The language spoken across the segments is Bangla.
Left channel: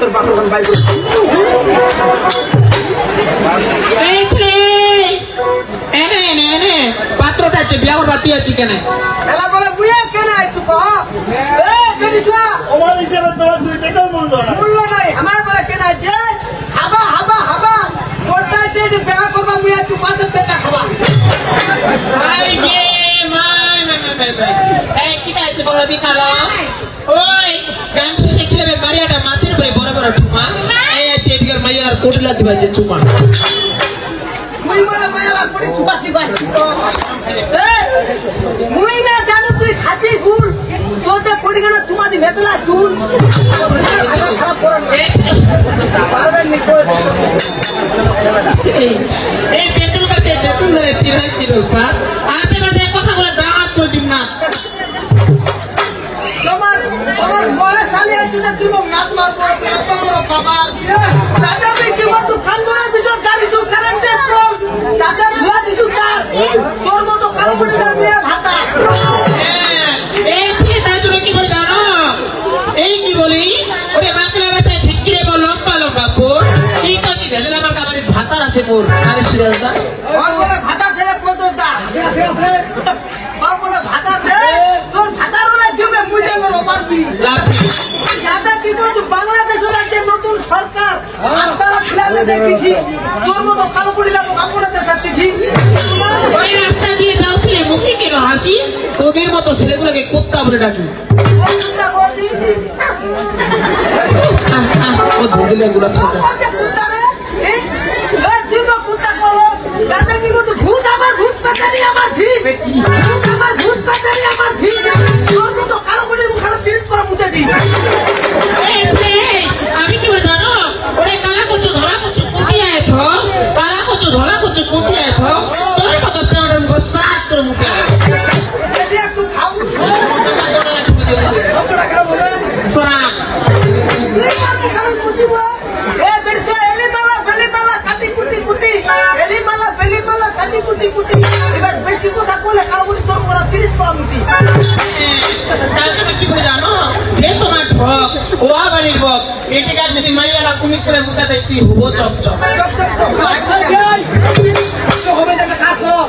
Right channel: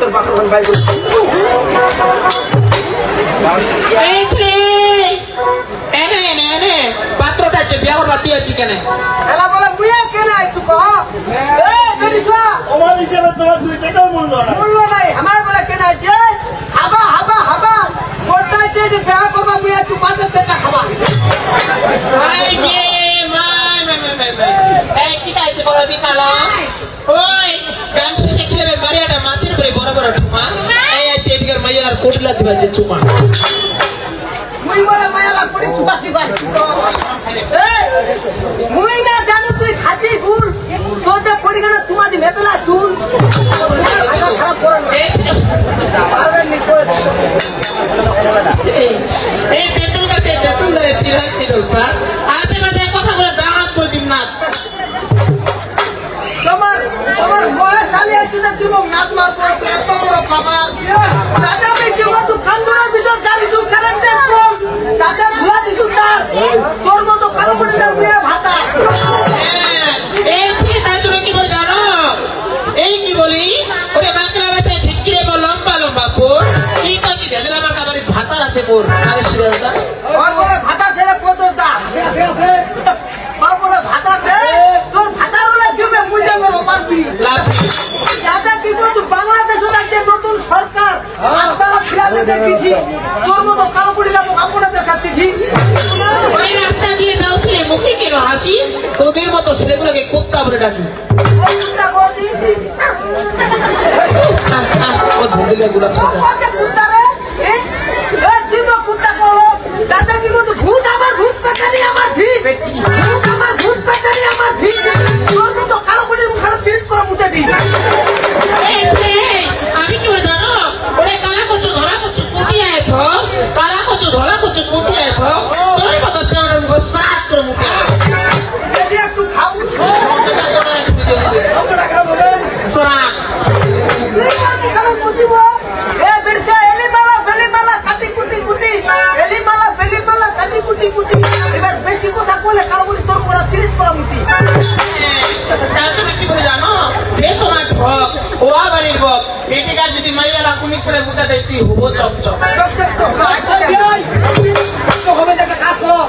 তোর বাপু গাই পাত্রটা বিয়া রাতি আছি কেন এলা বলে বুয়া কেন আইছু কহ আমার হিসেবে তোমার 2 টাকাও মূল্য নাই আমার বলে কেন আইছে হাবা হাবা হাবা কোথায় যে বিয়া করবা বুয়া চু 5 টাকা খাবা এই যে এই কি তাইছে বড় দিকালো ওই গান শিখলে মারিয়াটা মাছের করে বড় বড় ঠুমা এই যে বিয়ার মাইয়ার কোটলা দিবা যে চুমা মুই বলে মায়ালা করে চুপা দিবা মুই না জানো তুই খাসি গুড় তোতে পড়িগানা চুমা দি মেতলা চুল খারাপ করে পারবে নিকো এই বেতন কাছে বেতন লাগে চিরাই চিরুপা আজে বাজে কথা বলে দাঁত করে না তোমার মোয়ে সালি আছে না তুমি নাক মার করে এত বড় খাবার দাদা ভাই কি বলছো খান বড় বিজয় গাড়ি সব কারেন্ট কম দাদা ধুয়া দিছু তার তোর মতো কালো করে দাও মিয়া ভাতা এই ছি তাই তুমি কি বল জানো এই কি বলি ওরে বাকলা বাচ্চা ঝিকিরে বল লম্বা লম্বা কোর কি কইছি ভেজলা আমার কাছে ভাতা আছে কোর আরে শিরদা ওর বলে ভাতা ছেলে কত দা বাবা বলে ভাতা দে তোর ভাতা বলে দিবে মুজে বল পারবি দাদা কি বলছো বাংলাদেশ রাজ্যের নতুন সরকার রাস্তাটা ফিরাতে চাইছি তোর মতো কালো করে লাগো আপনাদের দেখাচ্ছি ওই রাস্তা দিয়ে যাচ্ছি মুখে কি হাসি তোদের মতো ছেলেগুলোকে কুত্তা বলে ডাকি ওই কুত্তা বলছি ও ধুলে গুলা কুত্তা রে এই দিব কুত্তা বলো দাদা কি বলছো ভূত আমার ভূত পেটানি আমার ঝি ভূত আমার ভূত পেটানি আমার ঝি তোর মতো কালো করে মুখে চিট করে মুতে দি আমি কি জানো ওরে কালা করছো ধরা করছো কুটি আইছো কালা করছো ধরা করছো কুটি আইছো তোর মতো তোর মুখ সাত তোর মুখে যদি একটু খাও তোরা তুই কি খাবো বুঝিব এ বেরছো এলিমালা কাটি কুটি কুটি এলিমালা কাটি কুটি কুটি এবার বেশি কথা কইলে কালো করে তোর মোরা চিট করা মুতি তার তুমি কি জানো যে তোমার ভক ওয়া বাড়ির ভক এটিকা যদি মাইয়ালা কুমি করে মুটা দেখতি হবো চপ হবে না কাজ করো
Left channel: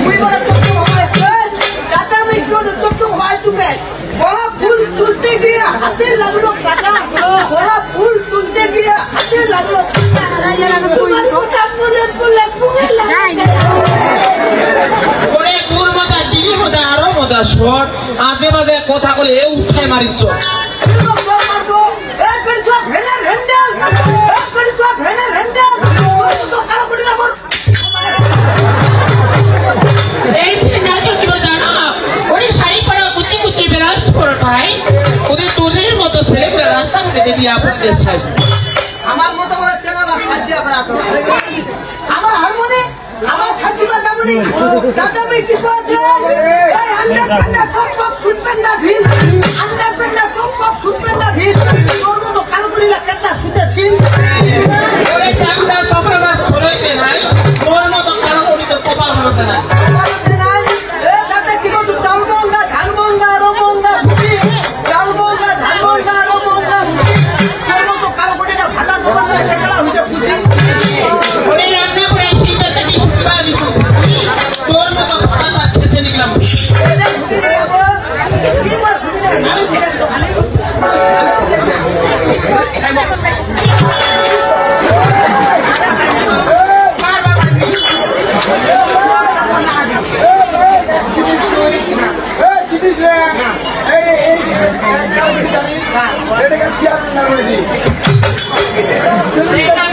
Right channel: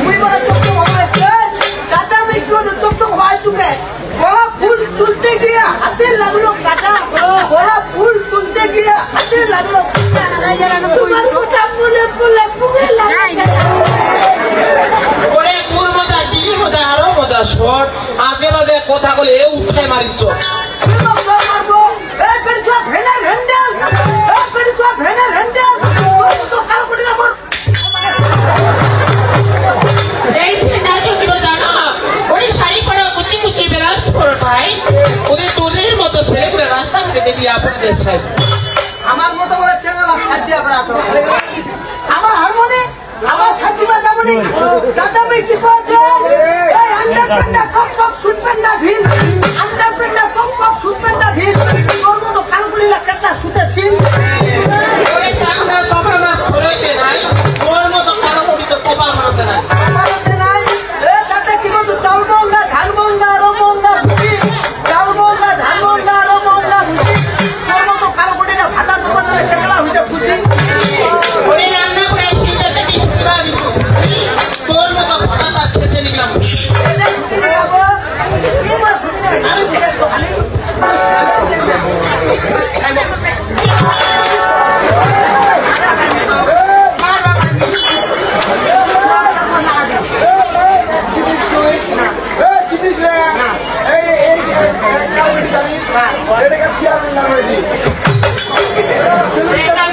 মুই বলে চপ হবে দাদা আমি কি চপ হয় চুকে বড় ফুল তুলতে গিয়ে হাতে লাগলো কাটা বড় ফুল তুলতে গিয়ে হাতে লাগলো তোমার কথা ফুলে ফুলে ফুলে লাগে ওরে কোন মজা চিনি মজা আরো মজা শট আগে বাজে কথা বলে এ উঠে মারিছ মারবো এ পেরছো ভেনার হ্যান্ডেল এ পেরছো ভেনার হ্যান্ডেল তো কালো করে না এই ছেলে নাকি কি জানো না ওরে শাড়ি পরা কুচি কুচি ব্লাউজ পরা পাই ওরে তোদের মতো ছেলে রাস্তা কেটে দিয়ে আপনাদের চাই আমার মতো বলে চ্যানেল সাজিয়া করা আছে আমার হারমোনি আমার সাজিবা যাবনি দাদা ভাই কি কইছে এই আন্ডার পেন্ডা কপ কপ শুনবেন না ঢিল আন্ডার পেন্ডা কপ কপ শুনবেন না ঢিল তোর মতো কালগুড়িলা কেটলা শুতেছিস ওরে কান্দা সবরা ছড়াইতে নাই তোর মতো কালগুড়িতে কপাল হতে নাই কপালতে নাই এ দাদা কি কইছো চালমঙ্গা ধানমঙ্গা রমঙ্গা ভুসি চালমঙ্গা ধানমঙ্গা রমঙ্গা ভুসি তোর মতো কালগুড়িটা ভাতা তোমার কেটলা হইছে খুশি ওরে রান্না করে শীতে কাটি শুকরা দিছো তোর মতো ভাতা পাচ্ছে নিলাম এটা ঘুরে যাবো কি বল ঘুরে না ঘুরে তো খালি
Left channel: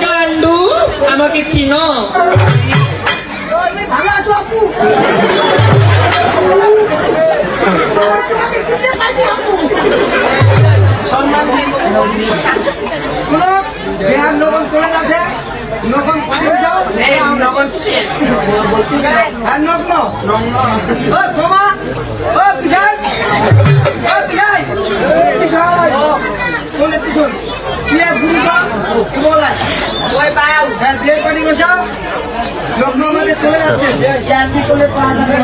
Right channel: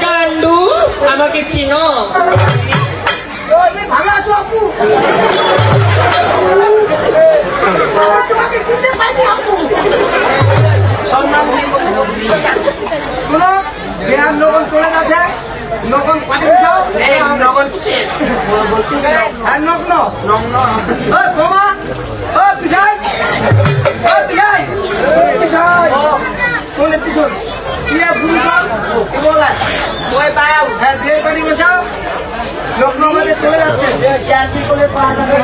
গান্ডু আমাকে চিনো ভালো আছো আপু তোমাকে চিনতে পাইনি আপু সম্মান শুনো বিহার নগন চলে গেছে নগন পানি যাও নগন হ্যাঁ নগ্ন তোমা ও বিজয় ও বিজয় শোনে পিছন ইয়া গুরুজন বলে ওই পায়াও হ্যাঁ বিয়ে পানি গেছে লগ্ন আমাদের চলে যাচ্ছে চলে পাওয়া যাবে